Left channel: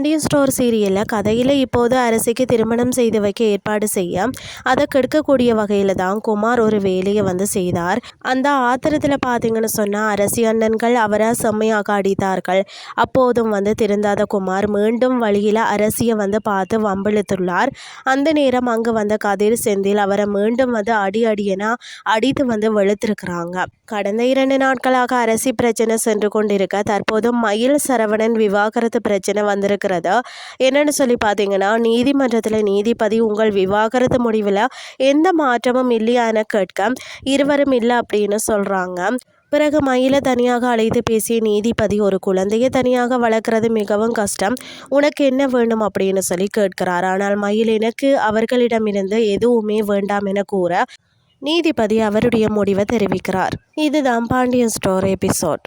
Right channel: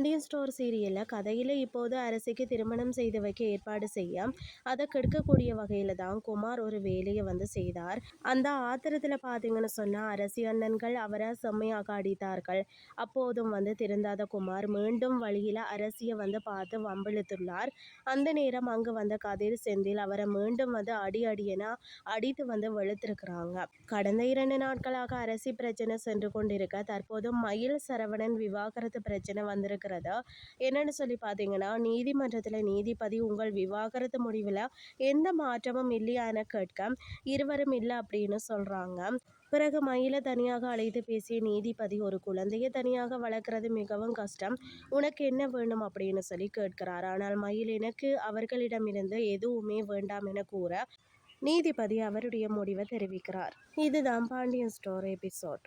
Pandian store சீரியலில் கதையில் இப்போது அரசிக்கு திருமணம் செய்து வைக்க ஏற்பாடு செய்ய அதை கெடுக்கக்கூடிய வகையில் தான் குமார் ஒரு வேலையை செய்தார். அந்த ஆத்திரத்தில் பார்த்தீங்கன்னு சொன்னால் அரசி அண்ணன்கள் அவரை செம்மையாக அடித்தார்கள். அப்போதும் திருந்தாத குமார் மீண்டும் வழியில் அரசியை பார்த்து வம்பிழுத்துள்ளார். அந்த நேரம் அங்கு கதிர் செந்தில் அவரை மீண்டும் அடியென அடித்து வெளுத்திருக்கிறாங்க. கடந்த 2 நாட்களாக அரசி பிரச்சனை சென்று கொண்டிருக்க தற்போது மயில் சரவணன் விவாகரத்து பிரச்சனை வந்திருக்கிறது. என்னன்னு சொல்லி பார்த்தீங்கன்னா, நீதிமன்றத்தில் நீதிபதி உங்கள் விவாகரத்து முடிவில் எந்த மாற்றமும் இல்லையா என கேட்க இருவரும் இல்லை அப்படின்னு சொல்கிறாங்க. பிறகு மயிலை தனியாக அழைத்து பேசிய நீதிபதி, ஒரு குழந்தையை தனியாக வளர்க்குறது மிகவும் கஷ்டம், உனக்கு என்ன வேண்டும் அப்படின்னு சொல்லி கேட்கிறார். ஆனால் மயில் எனக்கு அவர்களிடமிருந்து எதுவுமே வேண்டாம் என கூற நீதிபதி அவருடைய முடிவை தெரிவிக்கிறார். இதுதான் பாண்டியன் ஸ்டோர் எபிசோட்.